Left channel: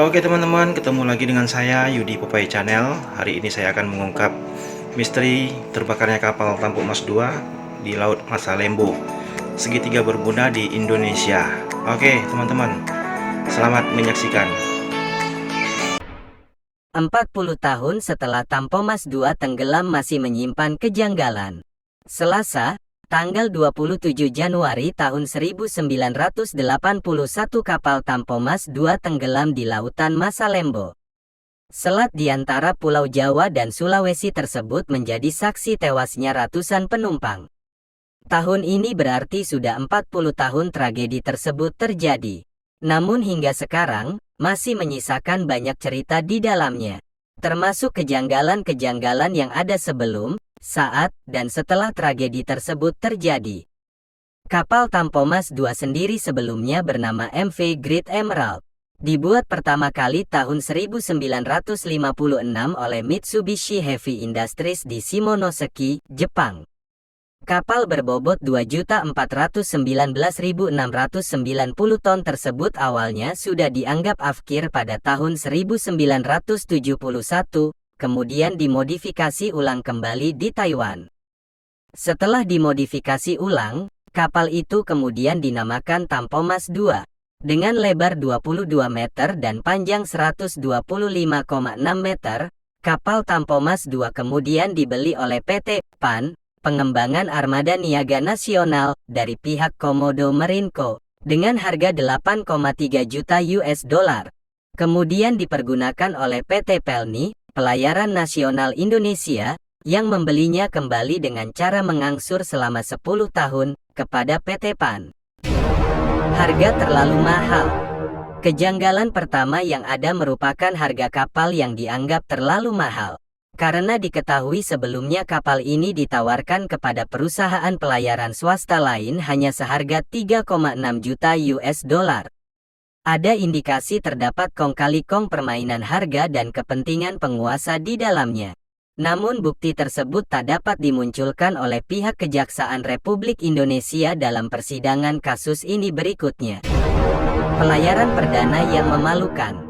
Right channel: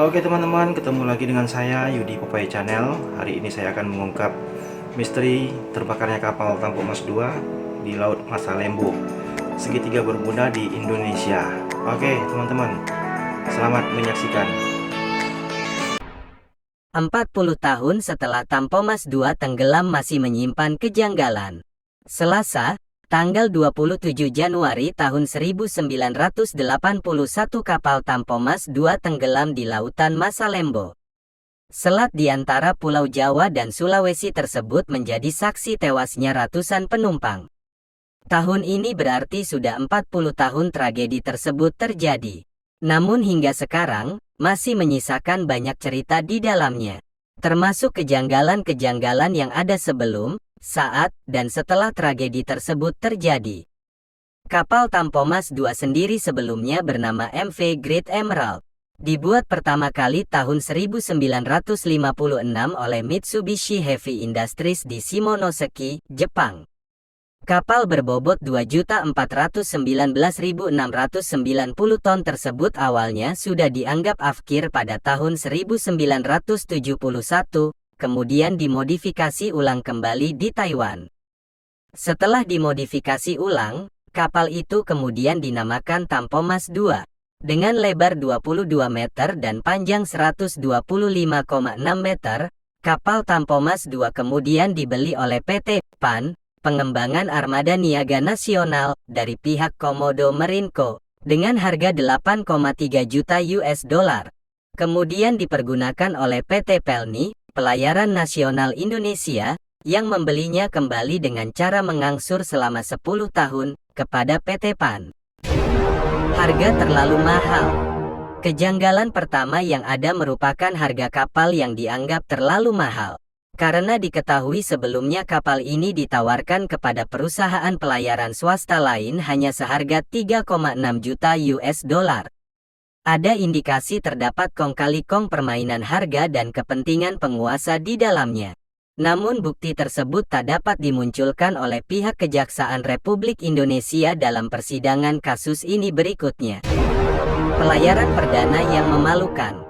Oke teman-teman, ketemu lagi dengan saya Yudi Popeye Channel. Hari ini saya akan mengungkap misteri terbakarnya kapal Tampo Mas 2 di Laut Masa Lembo, segitiga bermuda di Indonesia. Oke teman-teman, selamat menyaksikan. 40 tahun setelah Tampo Mas 2 tenggelam masih menyimpan kejanggalan. Selasa, tanggal 27 Januari tahun 1981 kapal Tampo Mas 2 tenggelam di Lautan Masa Lembo. Selat di antara Pulau Jawa dan Sulawesi tersebut menjadi saksi tewasnya ratusan penumpang. Tahun ini berarti sudah 40 tahun tragedi tersebut terjadi. Namun hingga sekarang, masih menyisakan banyak cerita di dalamnya. Termasuk kejanggalan-kejanggalan yang ada sebelum, saat, dan setelah tragedi tersebut terjadi. Kapal Tampo Mas 2 sendiri sebelumnya bernama MV Great Emerald. Dibuat pertama kali tahun 1956 oleh Mitsubishi Heavy Industries di Shimonoseki, Jepang. Kapal berbobot 2.419.690 ton tersebut awalnya sudah dianggap afkir pada tahun 1971, kemudian dimodifikasi ulang kembali di Taiwan. Setelah dimodifikasi ulang, kapal itu kemudian dinamakan Tampo Mas 2. Dengan lebar 22 meter dan panjang 125,6 meter, kapal Tampo Mas 2 kemudian dibeli oleh PT PAN, Pengembangan Armada Niaga Nasional, dari pihak Komodo Marine Co., dengan harga 8,3 juta US dollar. Kemudian dipergunakan oleh PT Pelni, Pelayaran Nasional Indonesia, yang membelinya kembali dengan cara mengangsur selama 10 tahun, kepada PT PAN. Harga terlalu mahal. Kejanggalan pertama yang ada merupakan harga kapal yang dianggap terlalu mahal. Karena diketahui sebelumnya kapal ini ditawarkan kepada perusahaan pelayaran swasta lain hanya seharga 3,6 juta US dollar. Ada indikasi terdapat kong kali kong permainan harga dan kepentingan penguasa di dalamnya. Namun bukti tersebut tak dapat dimunculkan oleh pihak Kejaksaan Republik Indonesia dalam persidangan kasus ini berikutnya. Pelayaran perdana yang memalukan.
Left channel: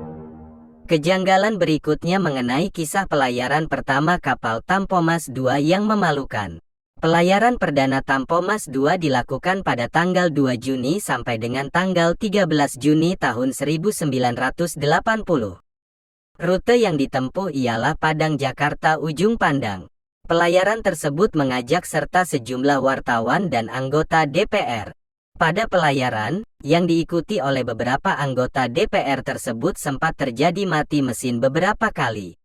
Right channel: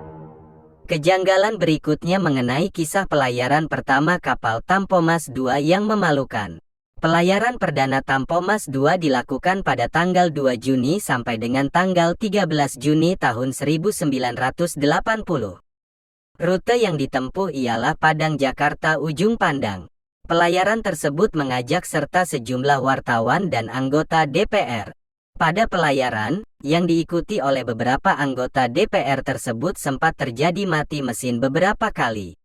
Kejanggalan berikutnya mengenai kisah pelayaran pertama kapal Tampo Mas 2 yang memalukan. Pelayaran perdana Tampo Mas 2 dilakukan pada tanggal 2 Juni sampai dengan tanggal 13 Juni tahun 1980. Rute yang ditempuh ialah Padang Jakarta Ujung Pandang. Pelayaran tersebut mengajak serta sejumlah wartawan dan anggota DPR. Pada pelayaran, yang diikuti oleh beberapa anggota DPR tersebut sempat terjadi mati mesin beberapa kali.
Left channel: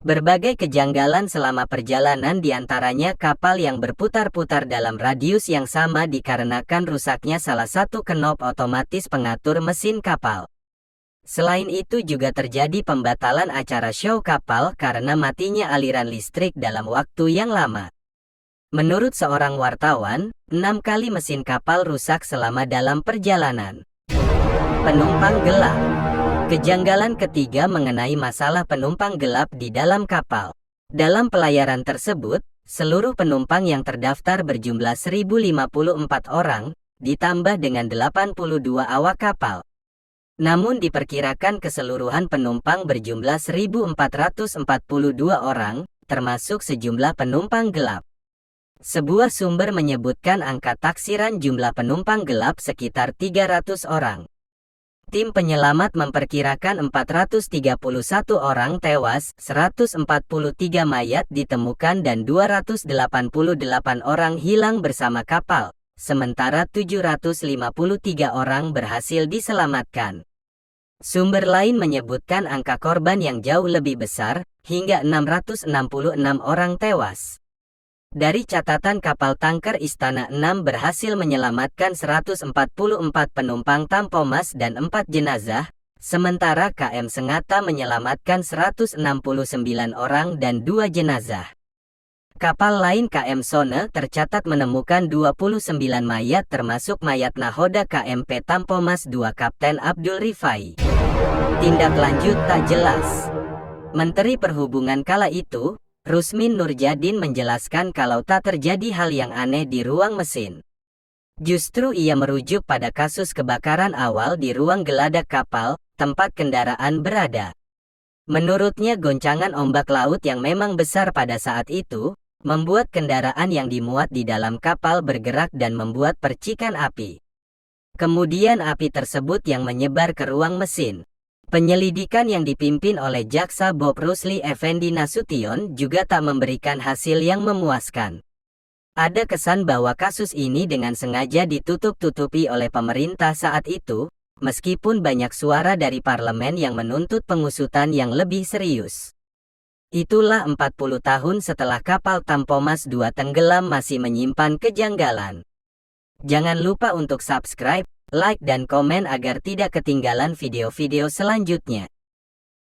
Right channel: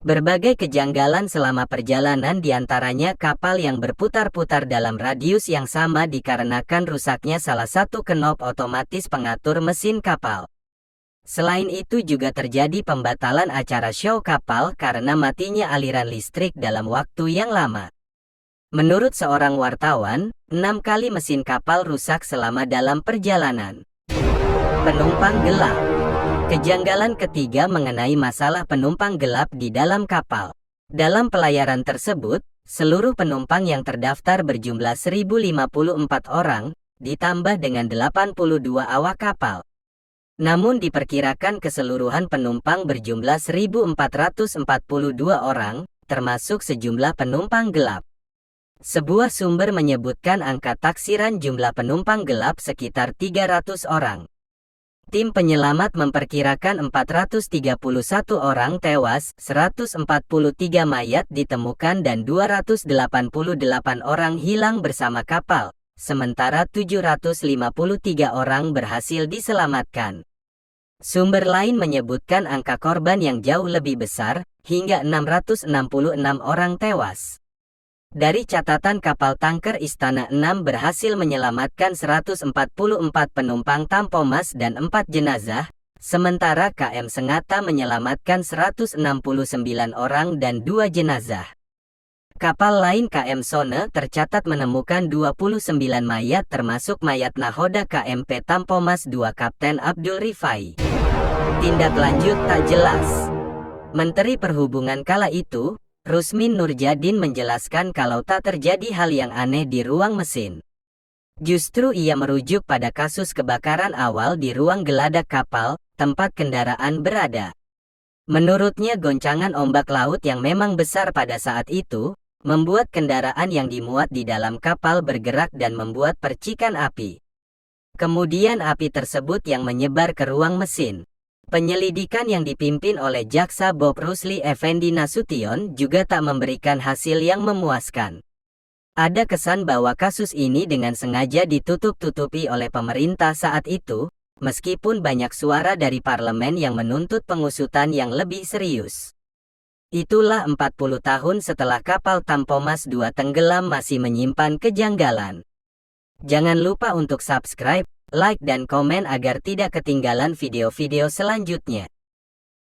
Berbagai kejanggalan selama perjalanan diantaranya kapal yang berputar-putar dalam radius yang sama dikarenakan rusaknya salah satu knop otomatis pengatur mesin kapal. Selain itu juga terjadi pembatalan acara show kapal karena matinya aliran listrik dalam waktu yang lama. Menurut seorang wartawan, 6 kali mesin kapal rusak selama dalam perjalanan. Penumpang gelap. Kejanggalan ketiga mengenai masalah penumpang gelap di dalam kapal. Dalam pelayaran tersebut, seluruh penumpang yang terdaftar berjumlah 1054 orang, ditambah dengan 82 awak kapal. Namun diperkirakan keseluruhan penumpang berjumlah 1442 orang, termasuk sejumlah penumpang gelap. Sebuah sumber menyebutkan angka taksiran jumlah penumpang gelap sekitar 300 orang. Tim penyelamat memperkirakan 431 orang tewas, 143 mayat ditemukan dan 288 orang hilang bersama kapal, sementara 753 orang berhasil diselamatkan. Sumber lain menyebutkan angka korban yang jauh lebih besar, hingga 666 orang tewas. Dari catatan kapal tanker Istana 6 berhasil menyelamatkan 144 penumpang Tampo Mas dan 4 jenazah, sementara KM Sengata menyelamatkan 169 orang dan 2 jenazah. Kapal lain KM Sone tercatat menemukan 29 mayat termasuk mayat nahoda KMP Tampo Mas 2 Kapten Abdul Rifai. Tindak lanjut tak jelas. Menteri Perhubungan kala itu, Rusmin Nurjadin menjelaskan kalau tak terjadi hal yang aneh di ruang mesin. Justru ia merujuk pada kasus kebakaran awal di ruang geladak kapal, tempat kendaraan berada. Menurutnya goncangan ombak laut yang memang besar pada saat itu, membuat kendaraan yang dimuat di dalam kapal bergerak dan membuat percikan api. Kemudian api tersebut yang menyebar ke ruang mesin. Penyelidikan yang dipimpin oleh Jaksa Bob Rusli Effendi Nasution juga tak memberikan hasil yang memuaskan. Ada kesan bahwa kasus ini dengan sengaja ditutup-tutupi oleh pemerintah saat itu, meskipun banyak suara dari parlemen yang menuntut pengusutan yang lebih serius. Itulah 40 tahun setelah kapal Tampomas II tenggelam masih menyimpan kejanggalan. Jangan lupa untuk subscribe, like dan komen agar tidak ketinggalan video-video selanjutnya.